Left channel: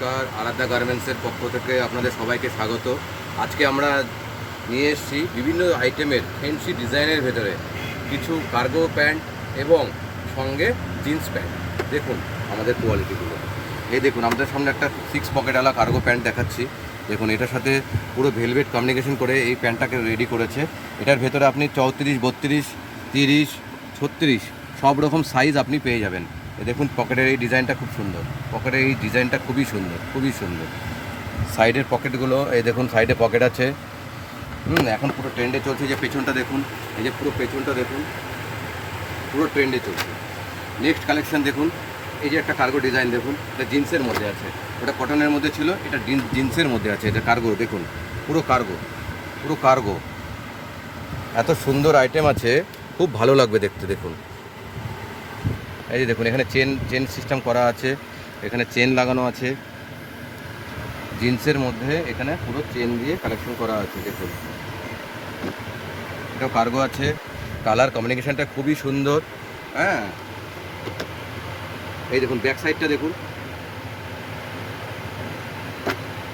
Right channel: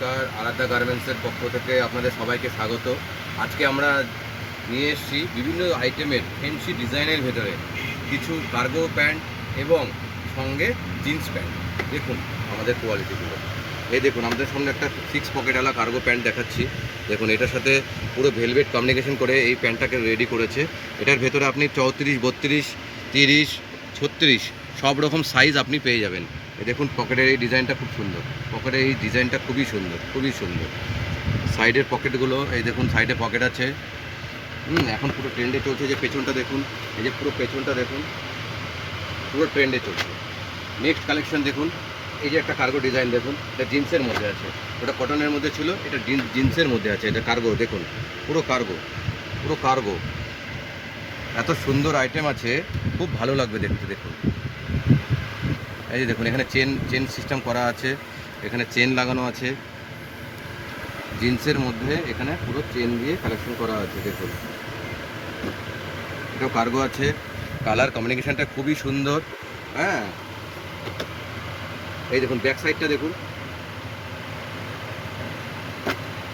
নমস্কার, আরাধ্যা গার্মেন্টসের পক্ষ থেকে আপনাদের সবাইকে স্বাগত। আজকে আমরা নিয়ে এসেছি বিভিন্ন আইটেমের ফ্যান্সি ডিজাইনের ভেতরে কিছু কার্গো প্যান্ট এবং সঙ্গে জিন্স প্যান্ট। দেখুন আমাদের কোয়ালিটিগুলো, এই দেখুন আমাদের সামনে একটা 6 পকেটওয়ালা কার্গো প্যান্ট দেখাচ্ছি। দেখুন এটার সাথে পুরো ভেলভেট কমিউনিকেশন করে এই প্যান্টটাকে রেডি করেছে। এটার ভেতরে আপনি 34, 32, 30, 36 সব রকম সাইজ আপনি পেয়ে যাবেন। দেখুন পকেটের এই ডিজাইনটা খুব সুন্দর, পকেটের এই ডিজাইনটা খুবই সুন্দর, খুবই সুন্দর। সাইডের পকেটগুলো এই দেখুন, সাইডে পকেট আছে। এখন পুরো ট্রেন্ডে চলছে যে পেছনটা দেখুন, এই যে পুরো পেছনটা দেখুন, পুরো ট্রেন্ডে চলছে। নেক্সট কালেকশন দেখুন, এই যে একটা কার্গো ডিজাইন দেখুন, এটা জিন্সের মধ্যে আছে। ওটা কটনের মধ্যে ছিল, এটা জিন্সের মধ্যে আছে। এটা কার্গো দেখুন, পুরো কার্গো, পুরো কার্গো। এত সুন্দর আইটেম আছে, খুব ভালো লাগবে দেখতে। দেখুন এই যে দেখুন, এখানে চেন সিস্টেম করা আছে, এখানে চেন লাগানো আছে জিন্সের মধ্যে। এখানে পুরো চেন দিয়ে কালেকশন করা আছে। দেখুন এটাও কার্গো আছে, কালার কমিউনিকেশনটা খুবই সুন্দর। হ্যাঁ, এই দেখুন ব্যাক সাইডটা দেখুন,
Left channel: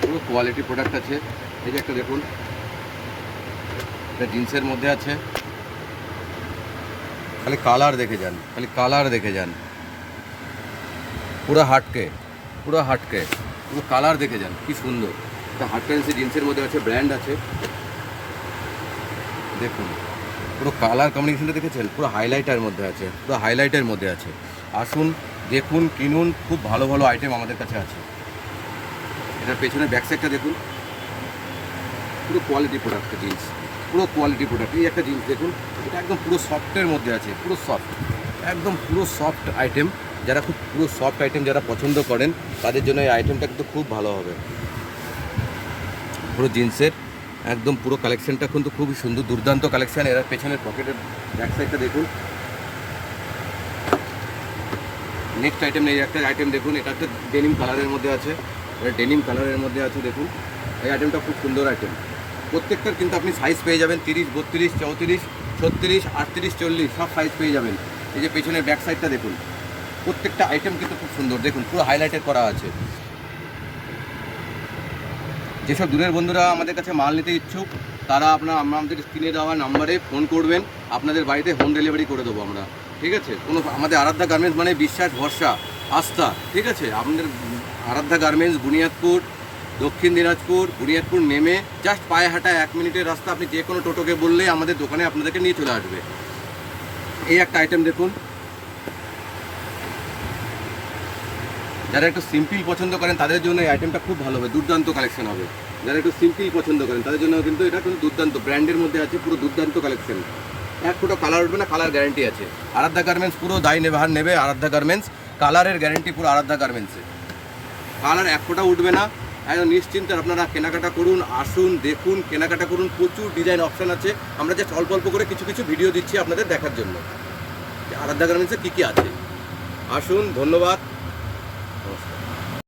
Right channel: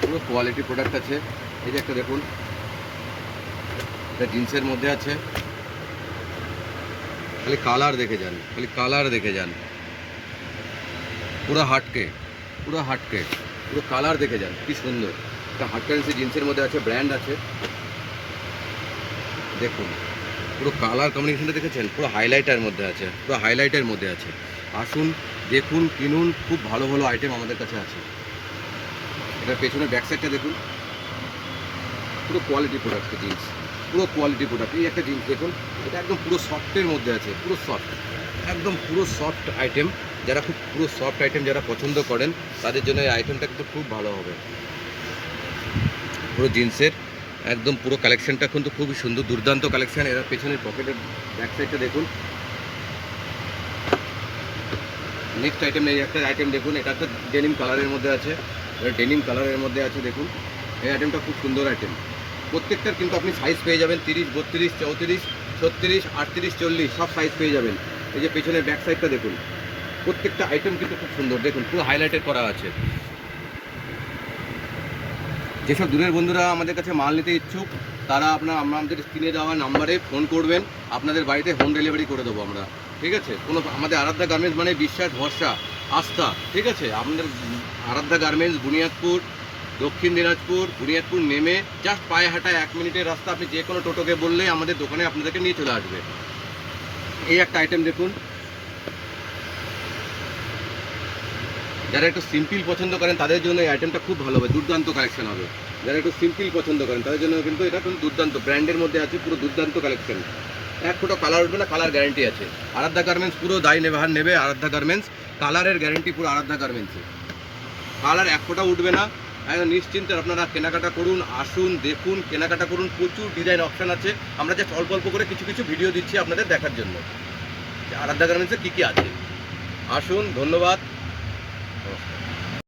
পুরো কোয়ালিটি প্রোডাক্ট আছে। এই যে একটা দেখুন, এটা জিন্সের মধ্যে আছে। খালি কালার দেখে যান, খালি কালার দেখে যান, পুরো হাটকে, পুরো হাটকে, পুরো কালার দেখে যান, কি সুন্দর। এটা হাট প্যান্সি জিন্সের মধ্যে আছে, ব্র্যান্ড আছে। দেখুন পুরো কালার কম্বিনেশনটা দেখেছেন, পুরো হাইলাইটের মধ্যে আছে, পুরো হাইলাইটের মধ্যে আছে। আসুন দেখুন, কিনুন, খুব ভালো ভালো আইটেম আমাদের কাছে আছে। এটার পেছনে ব্যাক সাইডটা দেখুন, পুরো কোয়ালিটি প্রোডাক্ট জিন্স, পুরো কোয়ালিটি প্রোডাক্ট। এই একটা জিন্স দেখুন, এটা একদম পুরো সফটের মধ্যে আছে, পুরো সফট, একদম পুরো সফট আইটেম। যারা খুব পুরো সফট আইটেম যারা পছন্দ করেন তাদের জন্য এই আইটেমটা কিন্তু খুব ভালো হবে। পুরো জিন্সের একদম পুরো কালেকশনটা কিন্তু খুবই সুন্দর, দুর্দান্ত কালেকশন। এরা পেছনের পকেটের ব্যাক সাইডটা দেখুন। নেক্সট আইটেম, এই একটা আইটেম দেখুন, এটা তো ডেনিম কালারের মধ্যে আছে, এটা ডেনিম কালারের মধ্যে আছে। দেখুন এই আইটেমটা খুব সুন্দর আইটেম। প্রত্যেকটার কিন্তু আপনি সাইজ পেয়ে যাবেন 30, 32, 34, 36, 38, 40 সব সাইজ পেয়ে যাবেন। এই যে পেছনের ব্যাক সাইডটা দেখুন, প্রত্যেকটা আইটেম কিন্তু খুব সুন্দর। দেখুন পুরো হাইলাইটেড করা আছে। যেসব দূরের বন্ধুরা আমাদের কাছে মাল নিতে ইচ্ছুক তারা আমাদের স্ক্রিনে দেওয়া নাম্বারে ফোন করবেন, আপনাদের বাড়িতে হোম ডেলিভারি করে দেবো আমরা। ঠিক আছে, কোনো আমাদের আরাধ্যা গার্মেন্টস মানে বিশ্বাস, ভরসা, আস্থা। ঠিক আছে, আপনাদের আরাধ্যা গার্মেন্টস বুনিয়াদপুর, দক্ষিণ দিনাজপুর, বুনিয়াদপুর নেমে জাস্ট পায়ে হাঁটা 1 মিনিটের রাস্তা। আপনি যে কোনো টোটোকে বললেই আমাদের দোকানে আপনাদেরকে নিয়ে চলে আসবে। এই একটা আইটেম দেখুন, যারা একটু সিম্পল পছন্দ করেন তাদের জন্য এই আইটেমটা খুব ভালো হবে, দুর্দান্ত কালেকশন হবে। যারা একটু সিম্পল পছন্দ করেন তাদের জন্য কিন্তু এটা কিন্তু দুর্দান্ত, ব্র্যান্ডের মধ্যে আছে, পুরো দুর্দান্ত কালেকশন। এক ফোটো কালার উঠবে না, কালার গ্যারেন্টি আছে। আরাধ্যা গার্মেন্টস পুরো দায় নেবে আরাধ্যা গার্মেন্টস, কালারের গ্যারেন্টি পুরো আরাধ্যা গার্মেন্টসে। কালার এক ফোঁটা উঠবে না, একদম নিশ্চিন্তে আপনারা কেনাকাটা করুন। আসুন দেখুন, কেনাকাটা করুন, প্রচুর ডিজাইন অপশান আছে। আমরা জাস্ট অল্প অল্প করে কিছু কিছু ভিডিও দিচ্ছি আপনাদের দেখার জন্য আরাধ্যা গার্মেন্টসে কী কী আছে। আসুন, ধন্যবাদ।